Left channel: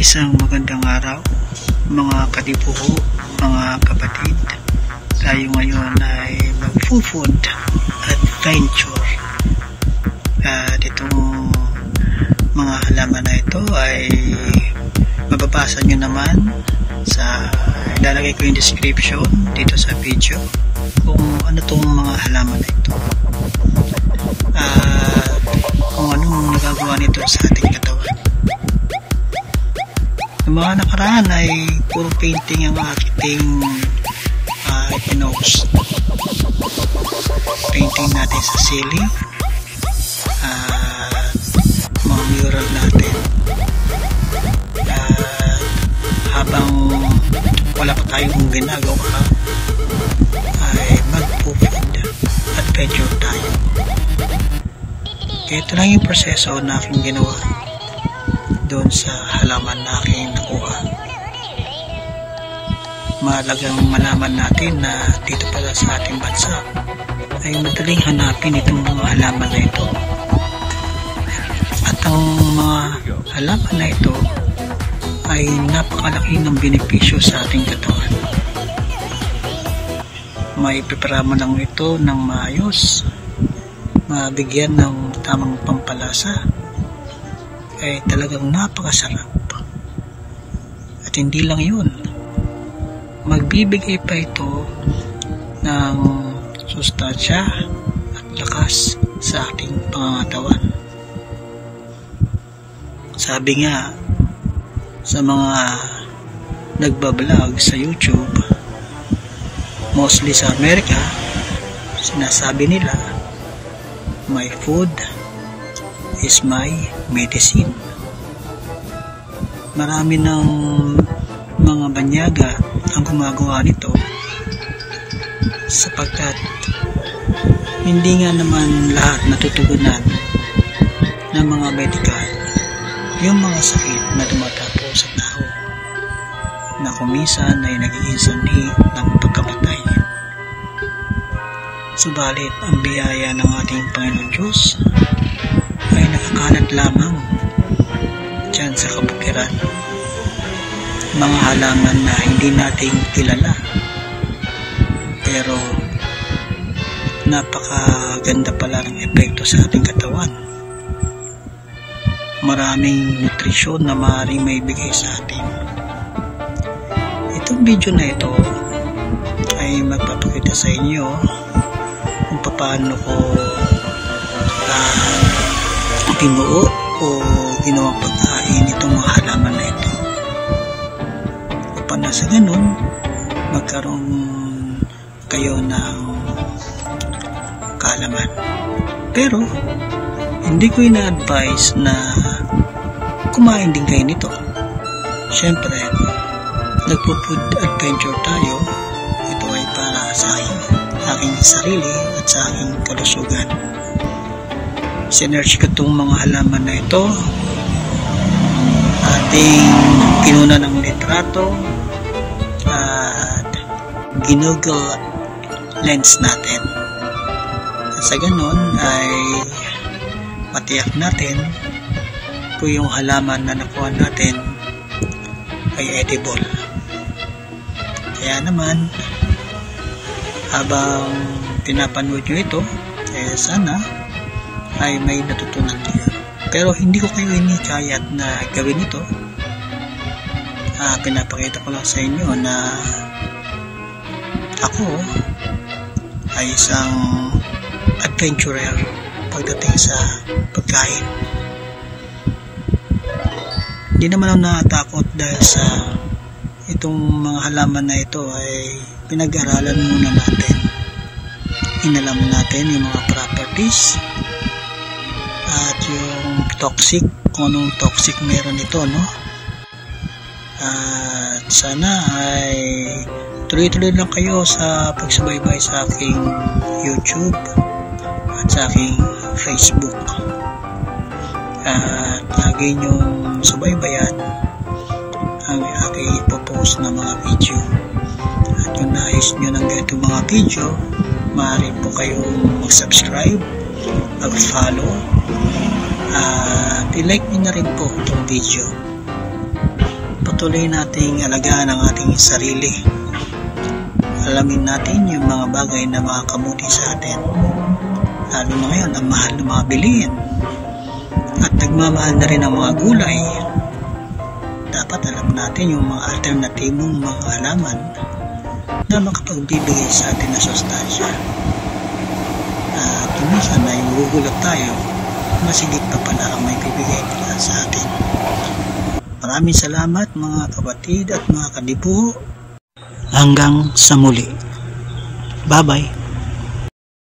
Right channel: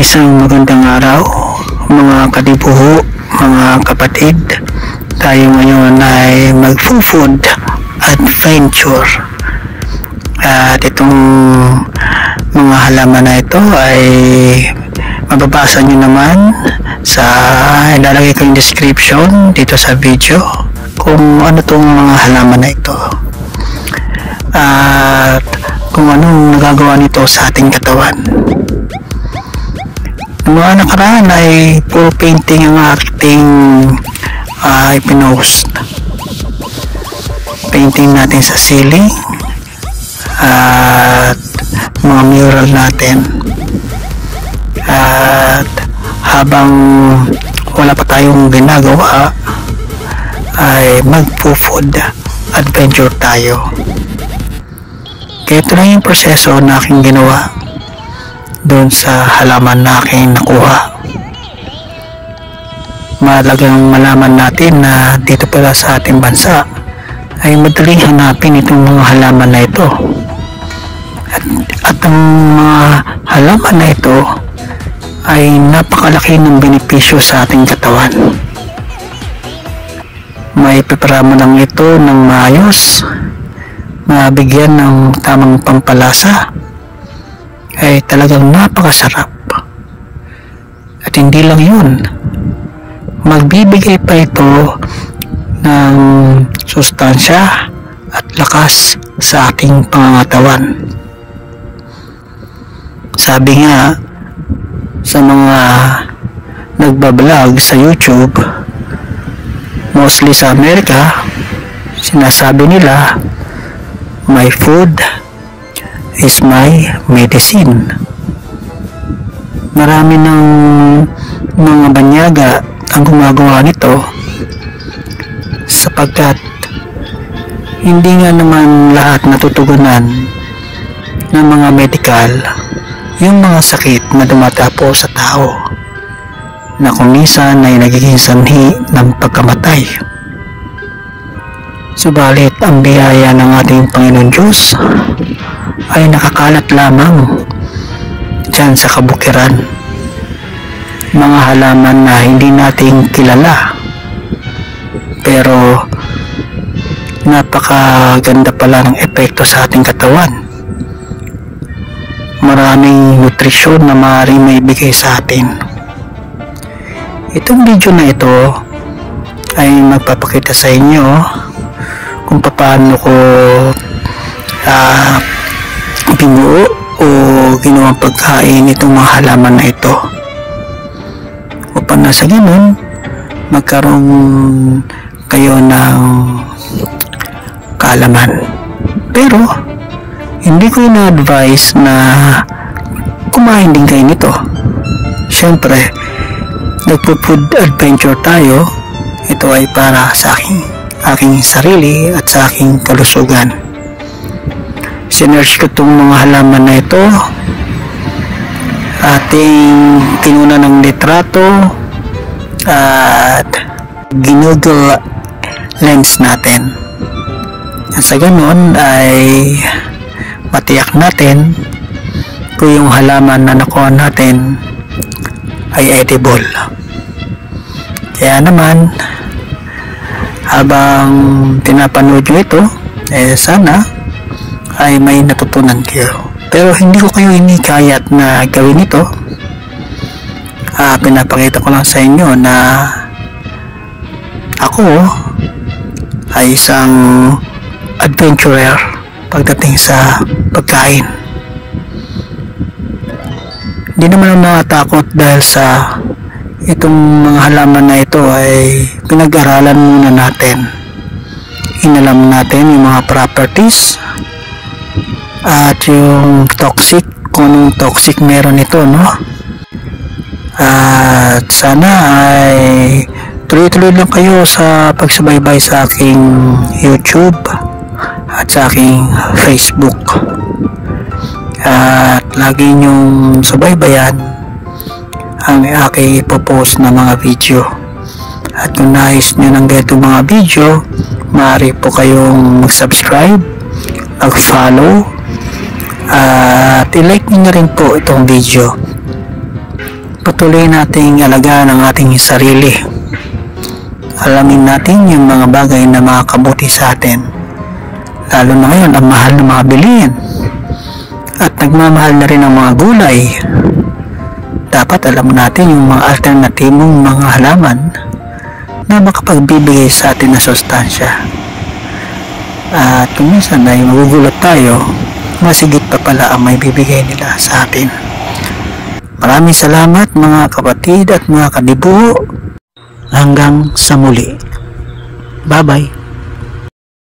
Isang magandang araw mga kadibuho, mga kapatid. Tayo ngayon ay mag-food adventure. At itong mga halaman na ito ay mababasa nyo naman sa ilalagay ko yung description dito sa video kung ano itong mga halaman na ito at kung anong magagawa nito sa ating katawan. Noong nakaraan ay puro painting ang ating ipinost. Painting natin sa ceiling at mga mural natin. At habang wala pa tayong ginagawa ay mag-food adventure tayo. Kaya ito lang yung proseso na aking ginawa doon sa halaman na aking nakuha. Mahalagang malaman natin na dito pala sa ating bansa ay madaling hanapin itong mga halaman na ito. At ang mga halaman na ito ay napakalaki ng benepisyo sa ating katawan. May prepara mo lang ito ng maayos, mabigyan ng tamang pampalasa, ay talagang napakasarap. At hindi lang yun, magbibigay pa ito ng sustansya at lakas sa ating pangangatawan. Sabi nga sa mga nagbablog sa YouTube, mostly sa Amerika, sinasabi nila, my food is my medicine. Marami ng mga banyaga ang gumagawa nito sapagkat hindi nga naman lahat natutugunan ng mga medical yung mga sakit na dumadapo sa tao na kung minsan ay nagiging sanhi ng pagkamatay. Subalit ang biyaya ng ating Panginoon Diyos ay nakakalat lamang dyan sa kabukiran. Mga halaman na hindi natin kilala pero napakaganda pala ng epekto sa ating katawan. Maraming nutrisyon na maaaring maibigay sa atin. Itong video na ito ay magpapakita sa inyo kung paano ko binuo o ginawang pagkain itong mga halaman na ito upang nasa ganun magkaroon kayo ng kaalaman. Pero hindi ko ina-advise na kumain din kayo nito. Siyempre nagpo-food adventure tayo, ito ay para sa aking sarili at sa aking kalusugan. Sinearch ko itong mga halaman na ito, ating kinuna ng litrato at ginugol lens natin. At sa ganun ay matiyak natin kung yung halaman na nakuha natin ay edible. Kaya naman habang pinapanood nyo ito, sana ay may natutunan kayo. Pero hindi ko kayo hinikayat na gawin ito. Pinapakita ko lang sa inyo na ako ay isang adventurer pagdating sa pagkain. Hindi naman ako natatakot dahil sa itong mga halaman na ito ay pinag-aralan muna natin. Inalam natin yung mga properties at yung toxic, kung anong toxic meron ito, no? At sana ay tuloy-tuloy lang kayo sa pagsubaybay sa aking YouTube at sa aking Facebook. At lagi nyong subaybayan ang aking ipopost na mga video. At kung nais nyo ng ganito mga video, maaari po kayong mag-subscribe, mag-follow, at i-like nyo na rin po itong video. patuloy nating alagaan ang ating sarili. Alamin natin yung mga bagay na makakabuti sa atin. Lalo na ngayon, ang mahal na mga bilihin. At nagmamahal na rin ang mga gulay. Dapat alam natin yung mga alternatibong mga halaman na makapagbibigay sa atin na sustansya. At kung minsan ay magugulat tayo, masigit pa pala ang may bibigay nila sa atin. Maraming salamat mga kapatid at mga kadibuho. Hanggang sa muli. Bye-bye.